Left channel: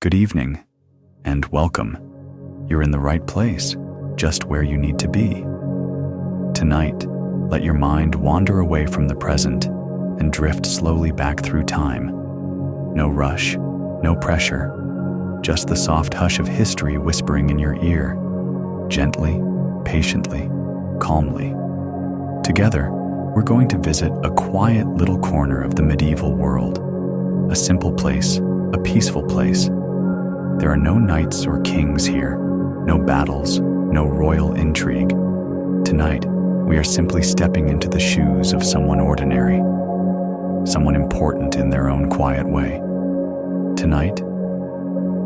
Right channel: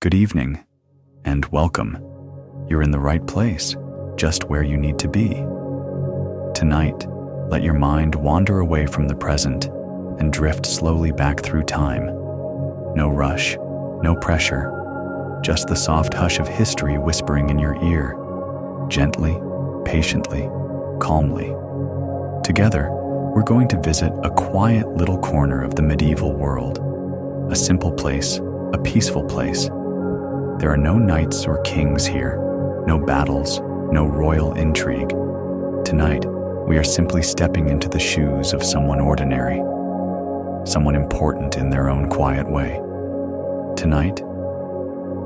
Good evening, and welcome. You're in the right place, just where you need to be. Tonight, let your mind wander away from the present and drift slowly back through time. No rush, no pressure, just the soft hush of history whispering in your ear, gently, patiently, calmly. Together, we're going to visit a quiet little corner of the medieval world, a simple place, a peaceful place. There are no knights or kings here, no battles, no royal intrigue. Tonight, we are simply stepping into the shoes of someone ordinary, someone important in their own quiet way. Tonight,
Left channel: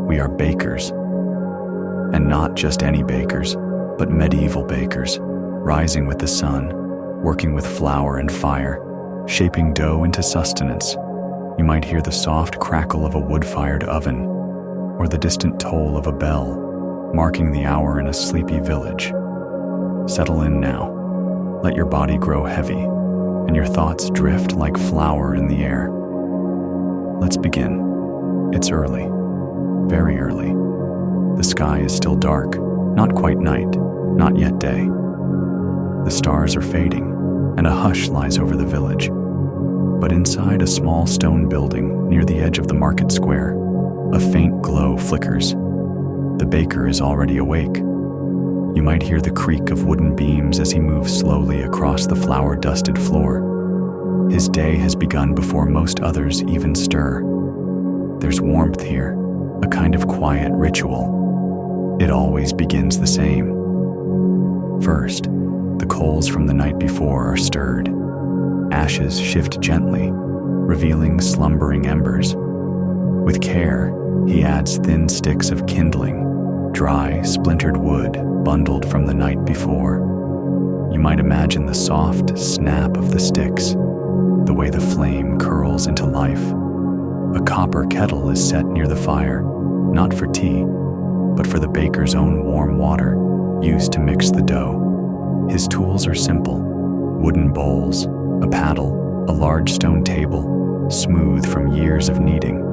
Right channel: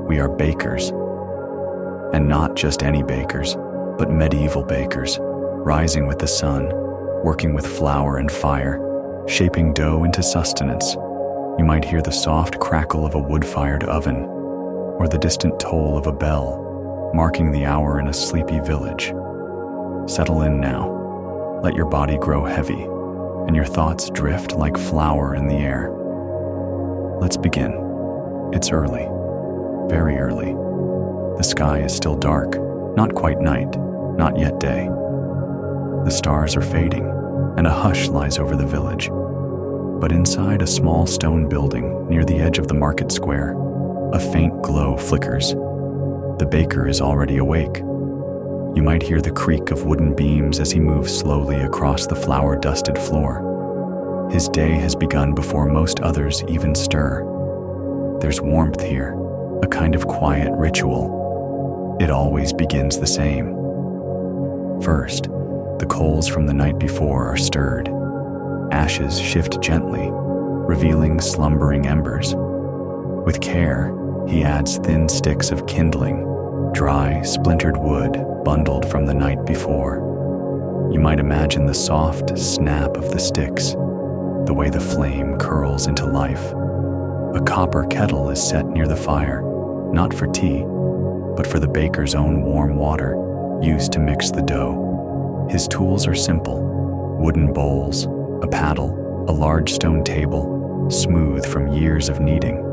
we are bakers. And not just any bakers, but medieval bakers, rising with the sun, working with flour and fire, shaping dough into sustenance. You might hear the soft crackle of a wood-fired oven, or the distant toll of a bell, marking the hour in a sleepy village. Settle in now. Let your body grow heavy, and your thoughts drift like flour in the air. Let's begin. It's early, very early. The sky is still dark, not quite night, not yet day. The stars are fading, and a hush lies over the village. But inside a small stone building near the edge of the market square, a faint glow flickers. The baker is already awake. You might hear the creak of wooden beams as he moves slowly across the flour-dusted floor. His day has begun before most others even stir. There's warmth here, a kind of quiet ritual. It always begins the same. First, the coals from the night before are stirred. Ashes shift gently, revealing slumbering embers. With care, he adds thin sticks of kindling, dry, splintered wood bundled from the night before. You might imagine the soft snap of the sticks, the way the flame curls into life. A copper kettle is set near the fire, not for tea, but for the baker's own warm water, used to mix the dough. His tools are simple: wooden bowls, a paddle, a large stone table, smooth from years of kneading.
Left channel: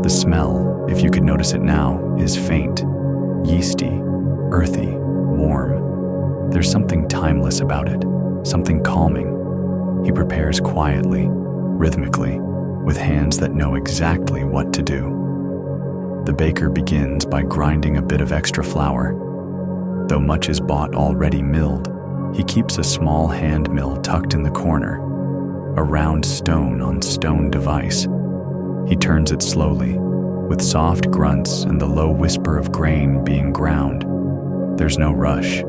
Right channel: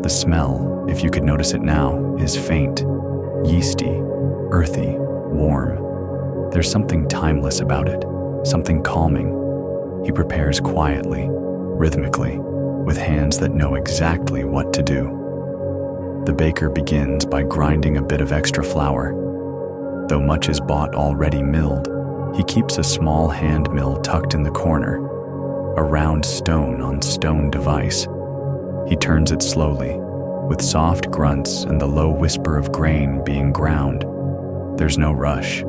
The smell, if you could notice it now, is faint, yeasty, earthy, warm. There's something timeless about it, something calming. He prepares quietly, rhythmically, with hands that know exactly what to do. The baker begins by grinding a bit of extra flour. Though much is bought already milled, he keeps a small hand mill tucked in the corner, a round stone on stone device. He turns it slowly, with soft grunts and the low whisper of grain being ground. There's no rush.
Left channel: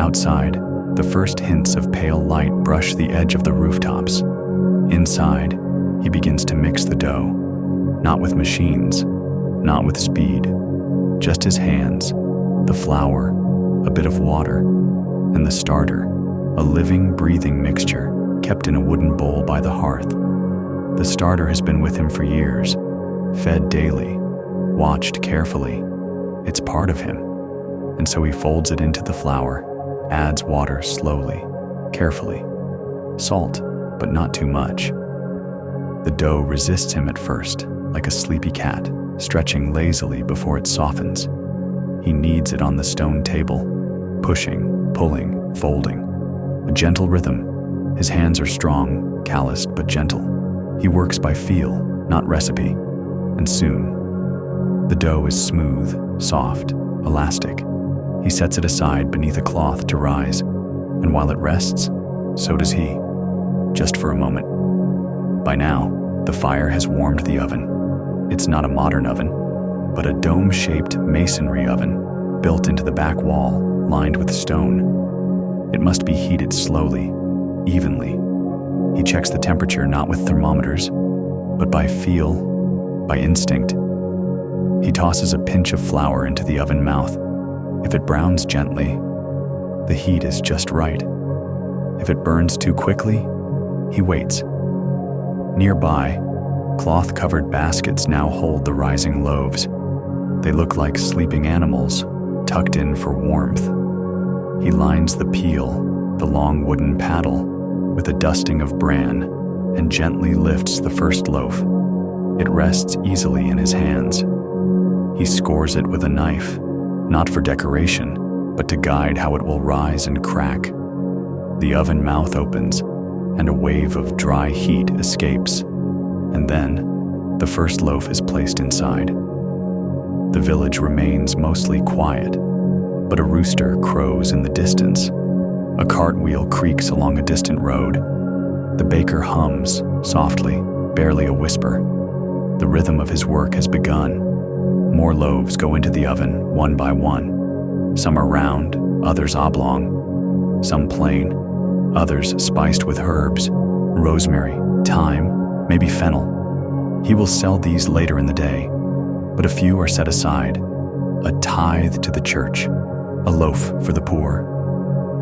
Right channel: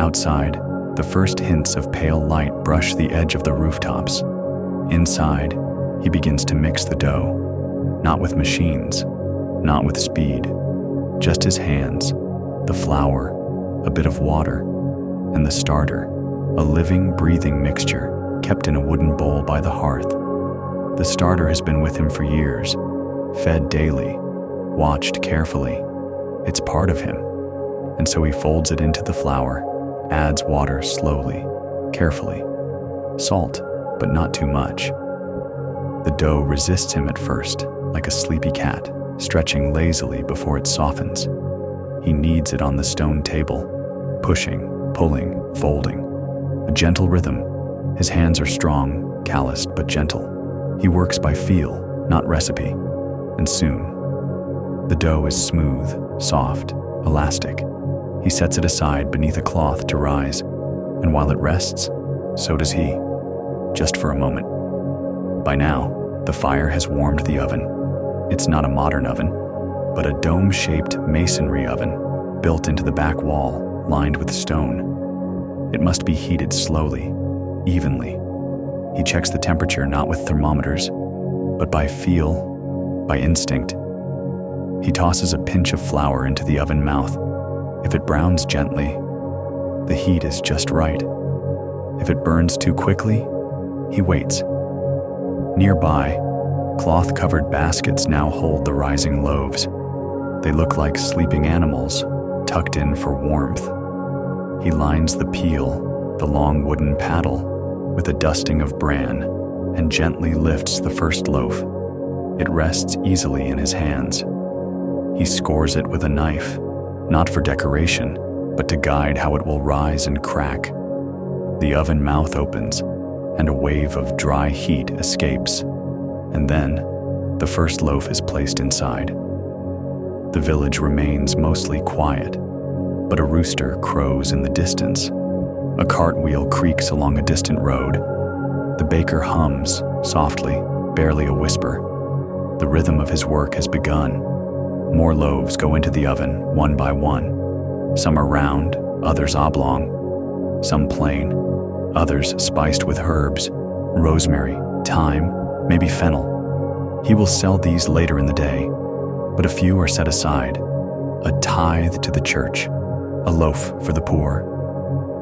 Outside, the first hints of pale light brush the edge of the rooftops. Inside, he begins to mix the dough, not with machines, not with speed, just his hands, the flour, a bit of water, and the starter, a living, breathing mixture kept in a wooden bowl by the hearth. The starter has been with him for years, fed daily, watched carefully. It's part of him, and so he folds it into the flour, adds water slowly, carefully. Salt, but not too much. The dough resists him at first, like a sleepy cat, stretching lazily before it softens. He kneads it on the stone table, pushing, pulling, folding. A gentle rhythm. His hands are strong, calloused but gentle. He works by feel, not recipe. And soon, the dough is smooth, soft, elastic. He sets it aside beneath a cloth to rise, and while it rests, so does he, just for a moment. By now, the fire has warmed the oven. It's not a modern oven, but a dome-shaped masonry oven built into the back wall, lined with stone. It must be heated slowly, evenly. He checks the temperature not with thermometers, but by feel, by instinct. He tosses a pinch of flour into the oven mouth. If it browns gently, the heat is just right. If it burns too quickly, he waits. Nearby, cloth-covered baskets now hold the rising loaves. They look like sleeping animals, tucked in for warmth. He lines the peel, the long wooden paddle, with a dusting of bran, and gently lifts the first loaf. It rests easily in his hands. He scores it with a knife, not for decoration, but to guide how it will rise and crack. The oven mouth opens, and a wave of dry heat escapes, and then the first loaf is placed inside. The village remains mostly quiet, but a rooster crows in the distance. A cartwheel creaks along a distant road. The baker hums, softly, barely a whisper. The rhythm of his work has begun. More loaves go into the oven, one by one. Some are round, others oblong. Some plain, others spiced with herbs, rosemary, thyme, maybe fennel. He will sell these later in the day, but a few are set aside. A tithe to the church, a loaf for the poor,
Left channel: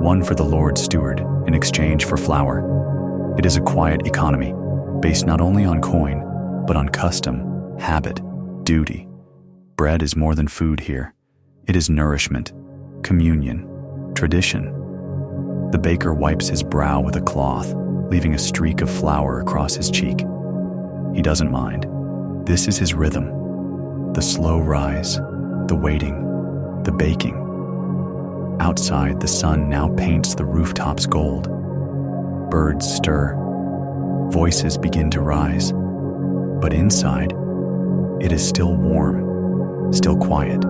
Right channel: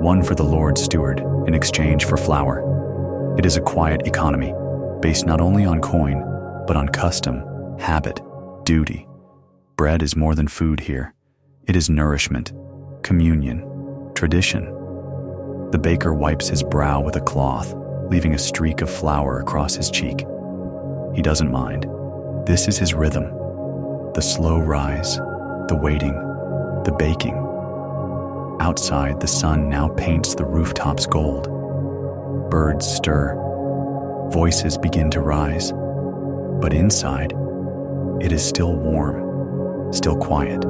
one for the Lord's steward in exchange for flour. It is a quiet economy, based not only on coin, but on custom, habit, duty. Bread is more than food here. It is nourishment, communion, tradition. The baker wipes his brow with a cloth, leaving a streak of flour across his cheek. He doesn't mind. This is his rhythm. The slow rise, the waiting, the baking. Outside, the sun now paints the rooftops gold. Birds stir. Voices begin to rise. But inside, it is still warm, still quiet.